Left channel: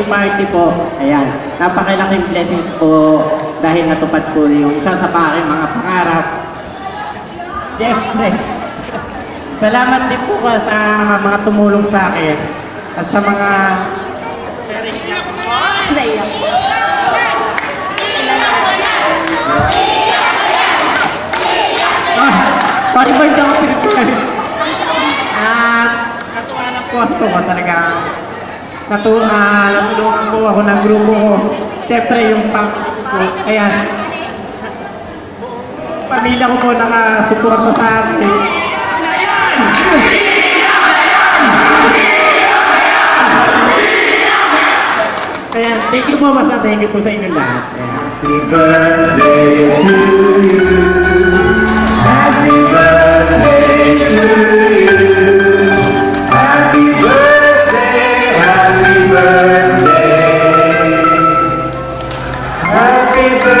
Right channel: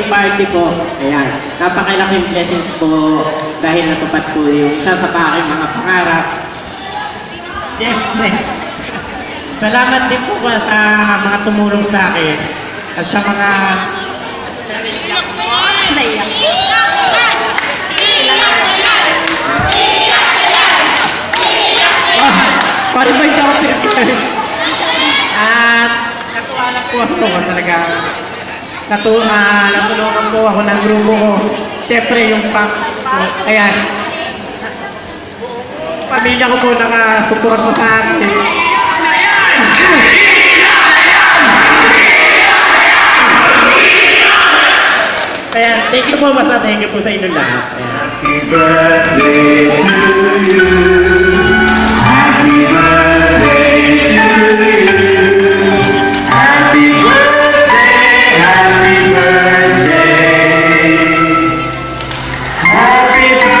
birthday party po. Ayan. Napakalaking blessing po dahil natupad po yung isa sa aking mga pangarap. Siyempre. Salamat din po sa mga tumulong sa akin at sa mga pari ba yung at natuwa lang po ako talaga. Natulungan po ako ng grupo ko. Siyempre yung ayan. Pamilya ko po nakasuporta sa akin. Ayan, thank you po basta. Thank you po sa inyo lahat. Happy birthday to you. Happy birthday to you. Happy birthday, happy birthday. Happy birthday.